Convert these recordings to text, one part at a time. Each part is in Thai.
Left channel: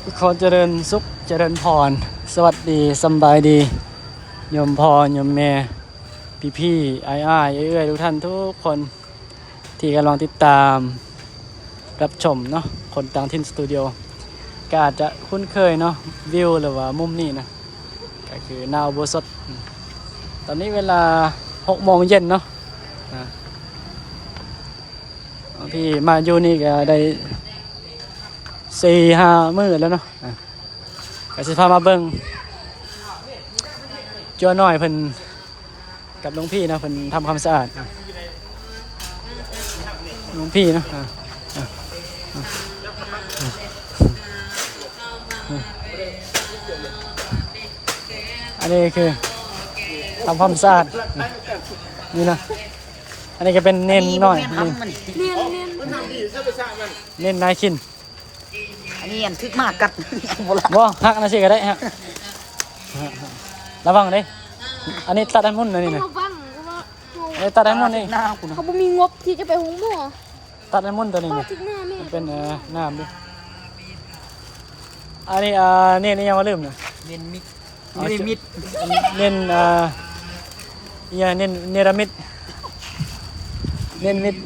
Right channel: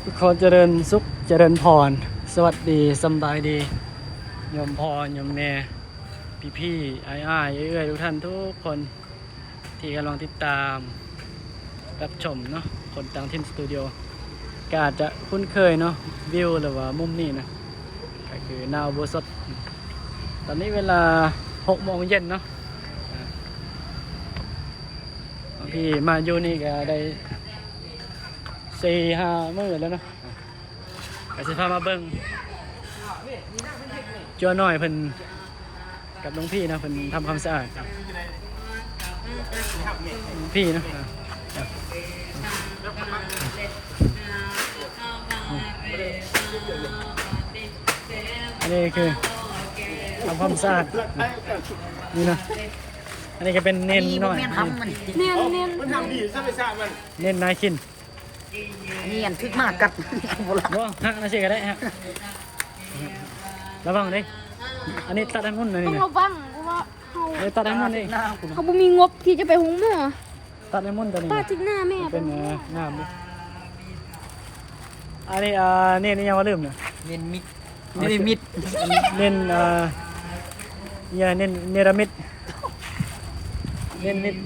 ขอเจริญสุขเจริญพรสวัสดีสำบายดีโยมพ่อโยมแม่พี่อ้ายเอื้อยทุกท่านทุกคนที่กำลังติดตามรับชมเนาะคนต่างถิ่นสตูดิโอก็อาจจะคุ้นเคยเนาะวิวหรือว่ามุมนี้นะก็คือหน้าอุโบสถตอนนี้เวลา6 โมงเย็นเนาะพี่มาอยู่นี่ก็ได้4-5 มื้อแล้วเนาะก็สิพามาเบิ่งจัวน้อยเพิ่นกับหลวงพี่นะเพิ่นทำความสะอาดหลวงพี่เนาะอันนี้คือทำความสะอาดนี่นะอันนี้ก็เป็นเน้นน้อยเน้นนายขินนี่อันทึกมากกับบ่ฮักนะสิก็ได้ฮะระวังเด้อันนี้ตัดให้มุ่นนะนี่นะ ระวังว่า เอ้ยตัดให้มุ่นนี่ เขาบ่มีงบที่จะไปหุงหม้อ ตัดให้มุ่นตัวนี้ ป้า นี่ จิกหน้าแม่ มันเป็นน้ำดิอันนี้นี่ยังมาลืมนะ เน้นมิดไม่ได้มิด เน้นเน้นเนรมิตเน้นมิด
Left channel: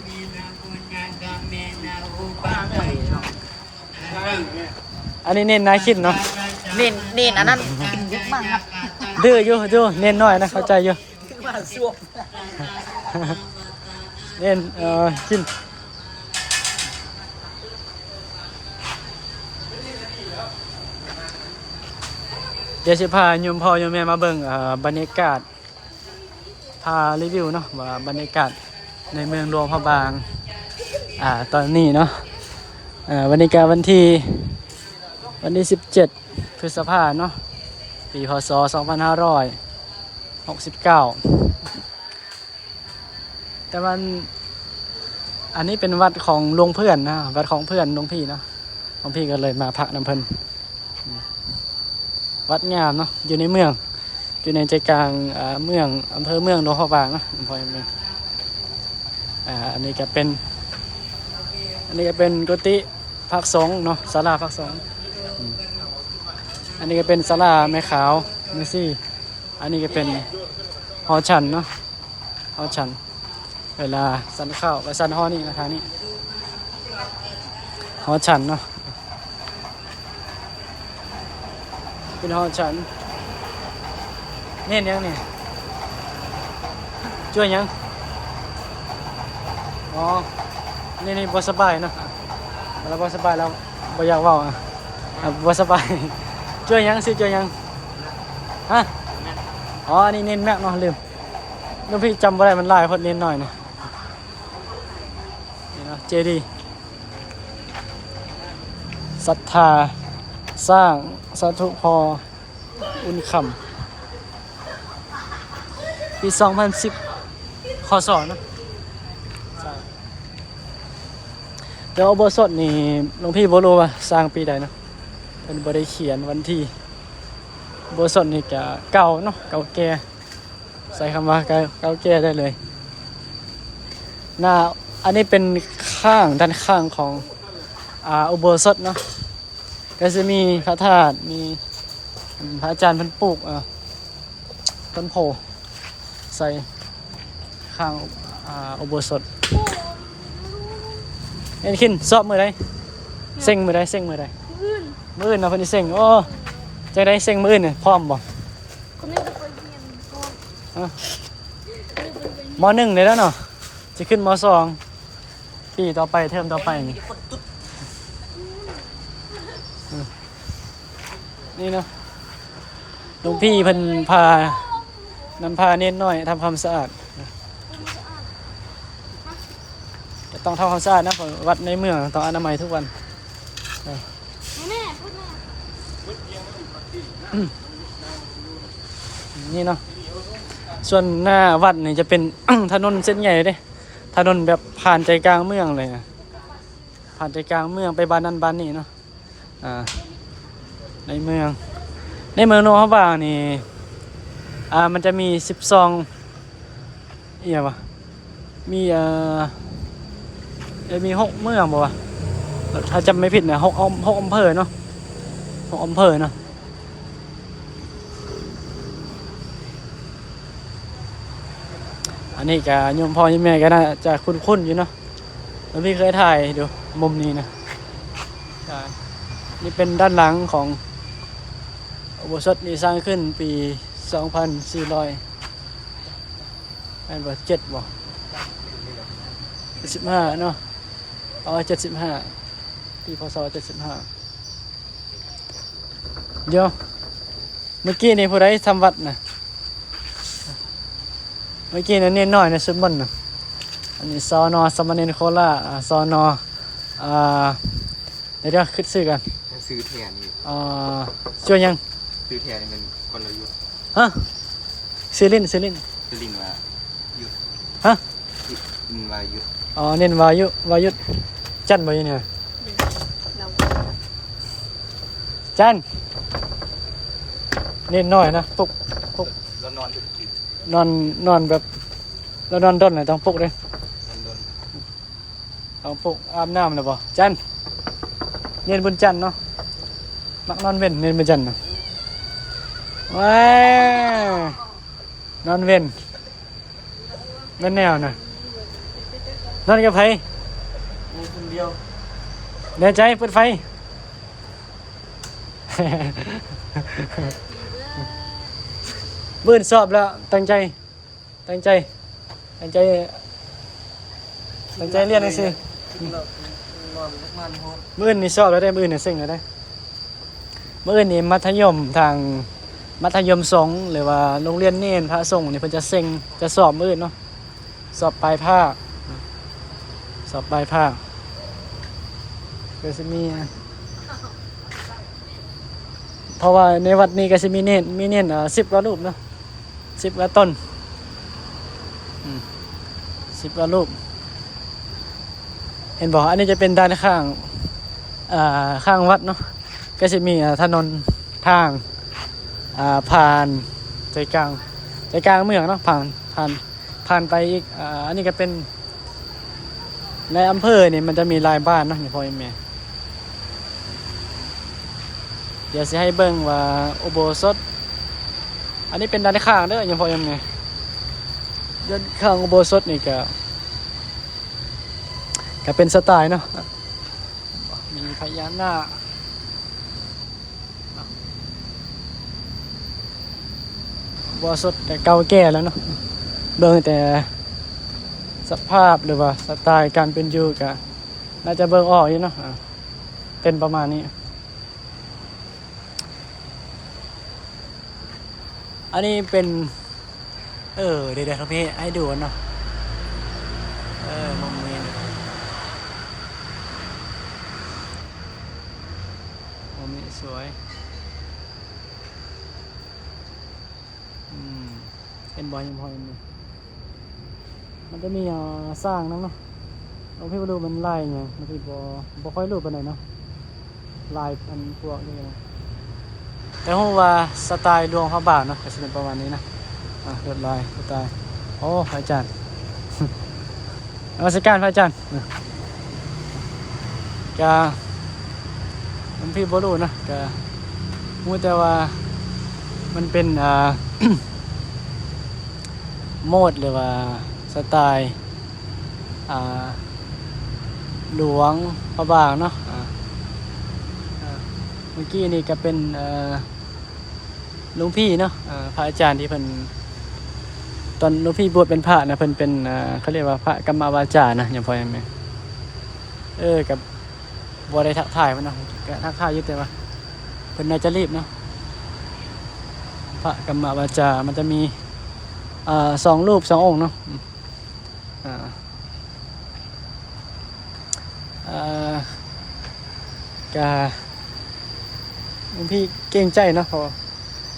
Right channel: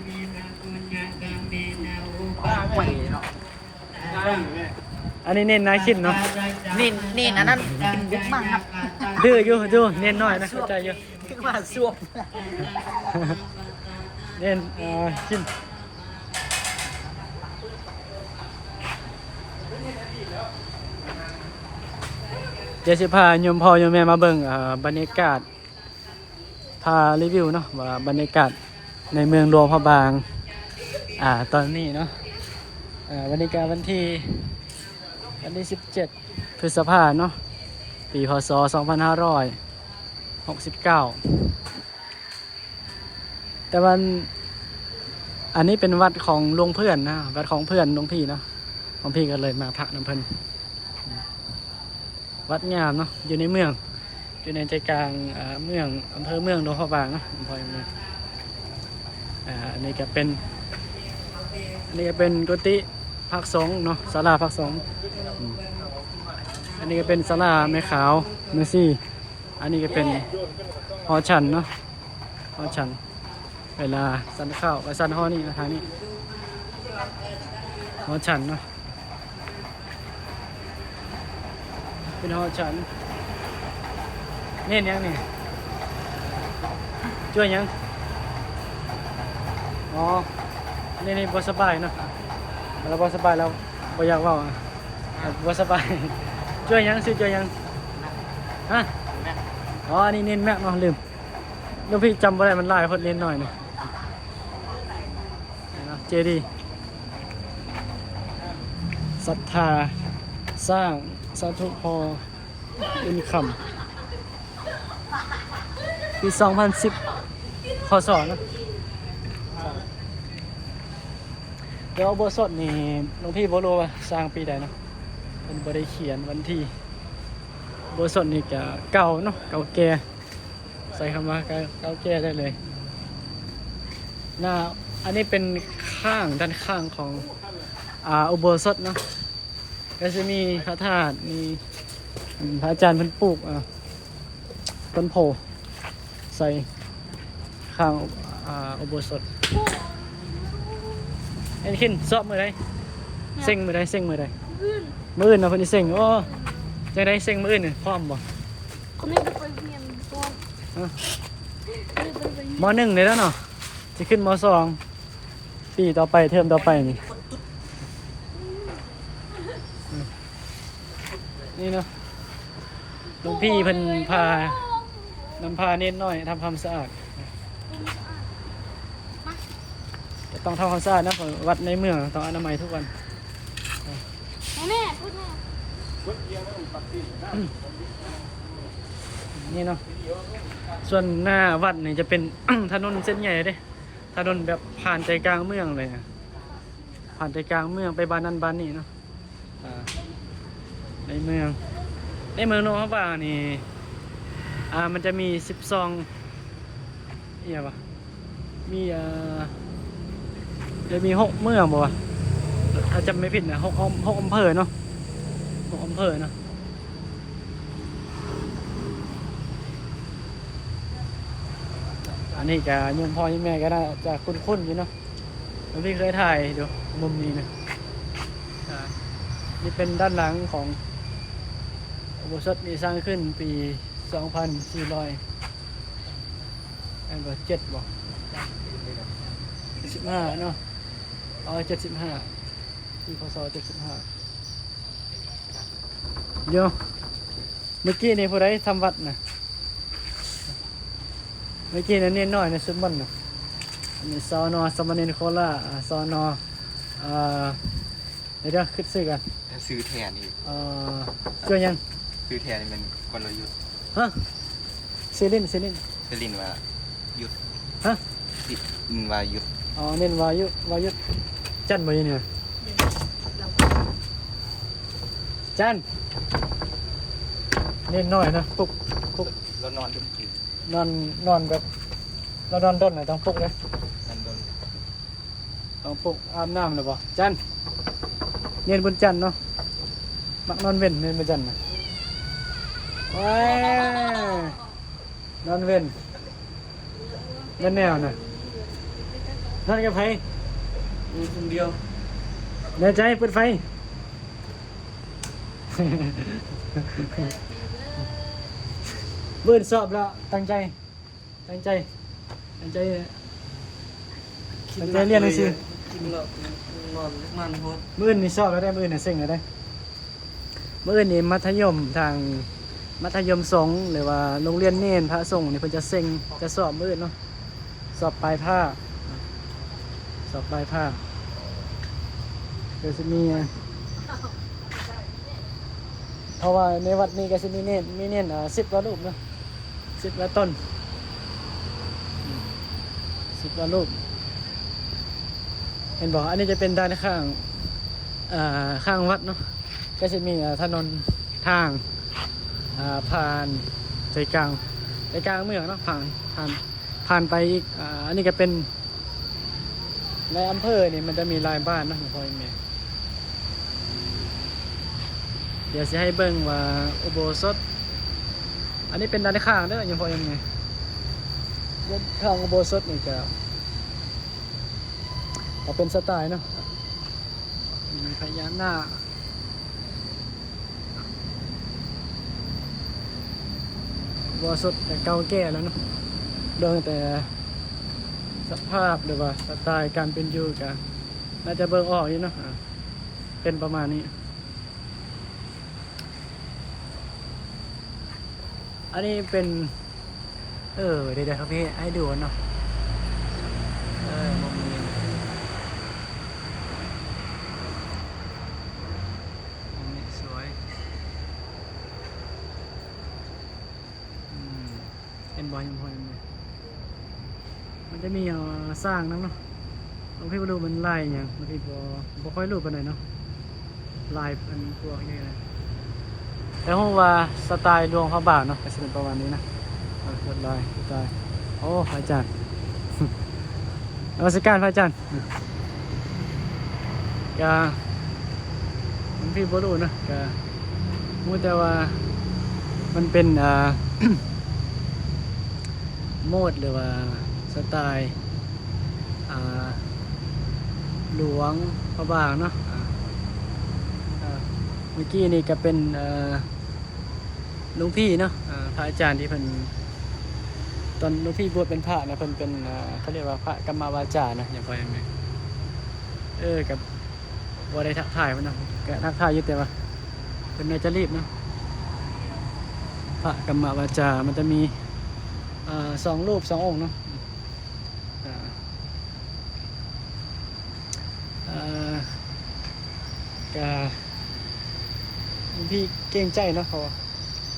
อันนี้เน้นนายขินเนาะ เน้นอันนั้นยึดมากครับ ดื้ออยู่เน้นน้อยนะเข้าใจอยู่ คือว่าซ่วม เน้นขินเดี๋ยวสิพาโยมพ่อโยมแม่มาเบิ่งบรรยากาศพารีวิวเนาะว่าบรรยากาศในเมืองหลวงพระบางตอนนี้เนาะบรรยากาศวันที่17 พฤษภาคมเนาะปีพศ 2569แต่วันอันนี้เป็นวัดของหลวงเพื่อนนะวัดของเพื่อนหลวงพี่เนาะหลวงพี่ก็เลยมาพักน้ำเพิ่นวัดงามเนาะอยู่ในเมืองอยู่ในใจกลางเมืองอำเภอเมืองหลวงพระบางเนาะอำเภอเมืองอันนี้ก็เป็นกุฏิพักสงฆ์เนาะศาลาพักสงฆ์อันนี้ก็เป็นศาลาแม่ขาวเมซี่อันนี้ก็เป็นหอฉันเนาะหอฉันเวลาสันข้าวไปสันหอนี่นะทางนี้หอฉันเนาะเป็นหอฉันเน้นยังนี่ช่วยยังอ๋อนี่บ่สบายเนาะเราบ่สบายแล้วบ่อยากเว้าบ่สบายช่วยยังสิช่วยยังฮะอ๋อนี่เน้นแม็กเนาะลืมน้องพี่จำบ่ได้มันหลายคนเน้นหน่อยนะนี่เนาะเจดีย์ศรัทธาสร้างสาธุพออุ่นคำปี2010 คศนะเดี๋ยวอุโบสถนี่หลวงพี่บ่รู้ว่าสร้างปีใดเนาะเป็นบ่ได้เขียนวันที่อุโบสถนี่ก็เก่าเนาะเก่าแก่ใส่คำว่าเก่าแก่ได้เลยอันนี้เป็นด้านข้างของอุโบสถเนาะก็จะมีพระธาตุมีพระอาจารย์เพิ่นปลูกต้นโพใส่ข้างอุโบสถเอ็นขินสอบมือใดเซ็งมือใดมืออื่นนะเพิ่นสิเซ็งโอ้จังได๋เซ็งมืออื่นน่ะพร้อมบ่ เขาไม่ได้ไปเรียนก่อน ม.1เลยแล้วเนาะจะขึ้นม.2 ปีต่อไปเทอมต่อไปนี่เนาะหลวงพี่เพิ่นพาเน้นน้อยทำความสะอาดก็ต้องทำความสะอาดนะวัดในเมืองต้องอนามัยทุกวันนี่เนาะส่วนหน้าวัดนี่จะเป็น ถนนเส้นใหญ่เด้ถนนแบบผ่านใจกลางเมืองเลยนะผ่านใจกลางเมืองไปบ้านนั้นบ้านนี้เนาะในเมืองหลวงพระบางนี่มันจะมี12วะมี6 เมืองบ่วะถ้าจำไม่ผิดนะ6 อำเภอเนาะ ของอำเภอเนาะอันนี้ก็โยมพ่อโยมแม่ก็น่าจะคุ้นๆอยู่เนาะแล้วพี่เคยถ่ายดูมุมนี้นะนี่เป็นด้านหลังของอุโบสถนี่สร้างขึ้นปี 2400อันว่า7บ่75เนาะ75ปีพศ75เดี๋ยวเมื่อกี้นี่ผู้ใดทำวัดนะเมื่อกี้นั่นเน้นน้อยในสุดมันนะอันนี้สน.สมณเณรโคราชสน.เดี๋ยวคิดซื้อกัน ถ้าซื้อแทนนี่ ช่วยยัง ซื้อแทนนี่มันกลยุทธ์ ฮะซิลิน จะลินว่ายุทธ ฮะ ลินว่ายุทธ เน้นวายุจันบ่อยู่เนี่ยจันเน้นน้อยนะปลุก แล้วนอนยุทธจริง นอนแบบแล้วนอนด้นไหนต้องปลุกเลย นั่นโดน ต้องปลุกอาบน้ำเลยบ่จันเน้นบนจันเนาะมักนอนเว้นเน้นบนจันเนาะว้าวนอนเว้นนั่นแนวน่ะนอนกับไผ คนเดียว แน่ใจเปิดไฟ มื่นสอบแล้วตั้งใจเรียนหนังสือมื่นนี่สอบแล้วได้มื่นน่ะซึ่งได้มื่นนี่มัธยมทางมัธยมสงฆ์หรือว่าโรงเรียนเนนพระสงฆ์นี่เพิ่นจะสอบมื่นเนาะสอบปลายภาคก็จะมีเพราะว่าในวัดนี้ก็จะมีเน้น10 กว่ารูปเนาะ10 กว่าต้น10 กว่ารูปเห็นบอกอันนี้จะเป็นด้านข้างวัดเนาะก็จะมีถนนทางผ่านใจกลางเมืองเนาะผ่านไปอีกอันนี้ก็เป็นในอำเภอนี่มันจะมีลายบ้านเนาะพ่อแม่เดี๋ยวจะให้เบิ่งว่าอุโบสถอันนี้เป็นด้านข้างเด้อยังพ่อแม่ด้านข้างอุโบสถนี่ก็เป็นสไตล์เนาะมีพญานาคอุโบสถแต่เก่าแก่แล้วเนาะเบิ่งแต่สภาพหรือว่าสไตล์การเป็นอยู่ก็น่าจะเบิ่งออกอยู่เนาะเป็นประมาณนี้อันนี้เป็นเดี๋ยวครับพี่ให้ดูเนาะมุมนี้สวยเป็นบอยยังพอยังมีมันจะมีสร้างนั่งเนาะเราพี่มาดูมันลายอย่างบางทีบ่ค่อยรู้ปานใดเนาะลายมันพวกนี้นะแต่ว่าสไตล์ดวงพระบาทเนาะก็จะเป็นประมาณนี้นะลวดลายสไตล์โอ้พระอาจารย์ นมัสการพระอาจารย์ก็มันพี่บ่รู้นะก็มูแต่ว่ามันเป็นโมดหรือว่าสไตล์หลวงพระบางเนาะเมื่อกี้นี่ก็เป็นหลวงพี่เนาะพระอาจารย์ที่เพิ่นตอนหลวงพี่บวชเป็นพระนะเพิ่นเป็นเขาเรียกว่าพระกรรมวาจานะอย่างพอเห็นไหมกับบัวได้ทักทายมันเนาะก็ทักทายอยู่แต่ว่าเพิ่นน่าจะรีบเนาะพระกรรมวาจามันจะมี2 รูป 2 องค์เนาะก็พี่เก่งใจเนาะพอ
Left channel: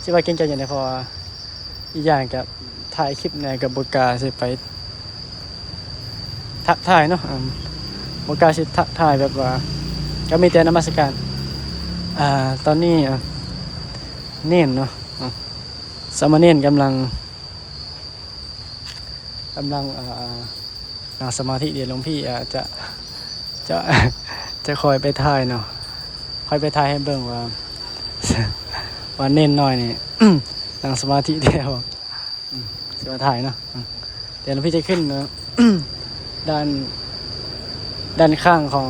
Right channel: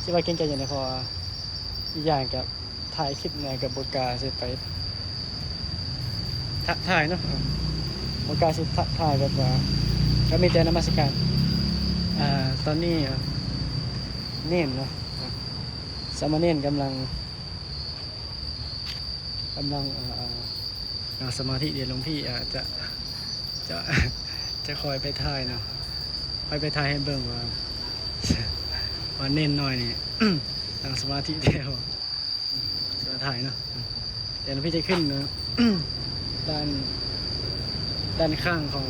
สิว่าเก่งใจอย่างไรพออีกอย่างกับถ่ายคลิปในกับบกาสิไปทักถ่ายเนาะบกาสิทักถ่ายแบบว่าก็มีแต่นมัสการตอนนี้เน้นเนาะสามเณรกำลังนั่งสมาธิเดี๋ยวหลวงพี่จะคอยไปถ่ายเนาะคอยไปถ่ายให้เบิ่งว่า ว่าเน้นหน่อยนี่ ตั้งสมาธิเดียวสมาถ่ายเนาะเดี๋ยวพี่จะขึ้นนะ ด้านข้างของ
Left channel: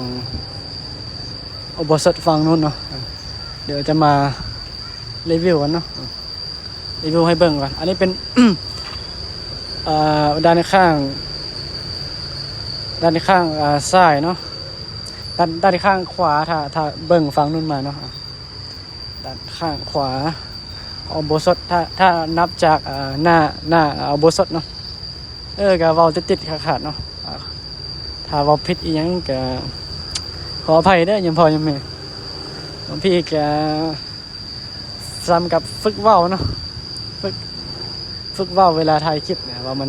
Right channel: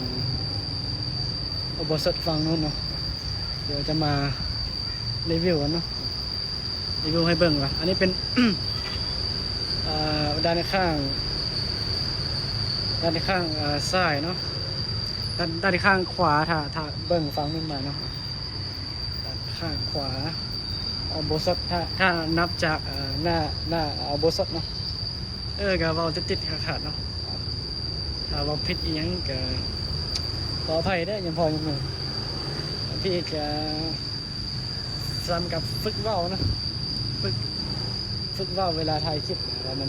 อุโบสถฝั่งนู้นเนาะเดี๋ยวจะมารีวิวกันเนาะรีวิวให้เบิ่งก่อนอันนี้เป็น ด้านข้างซ้ายเนาะด้านข้างขวาถ้าเบิ่งฝั่งนู้นมาเนาะด้านข้างขวาอุโบสถถ้านับจากหน้าอุโบสถเนาะก็เว้าติดๆขาดๆเนาะถ้าเว้าผิดอีหยังก็ขออภัยเด้อยังพอยังแม่พี่ก็ซ้ำกับฝึกเว้าเนาะฝึกเว้าเวลาถ่ายคลิปเนี่ยว่ามัน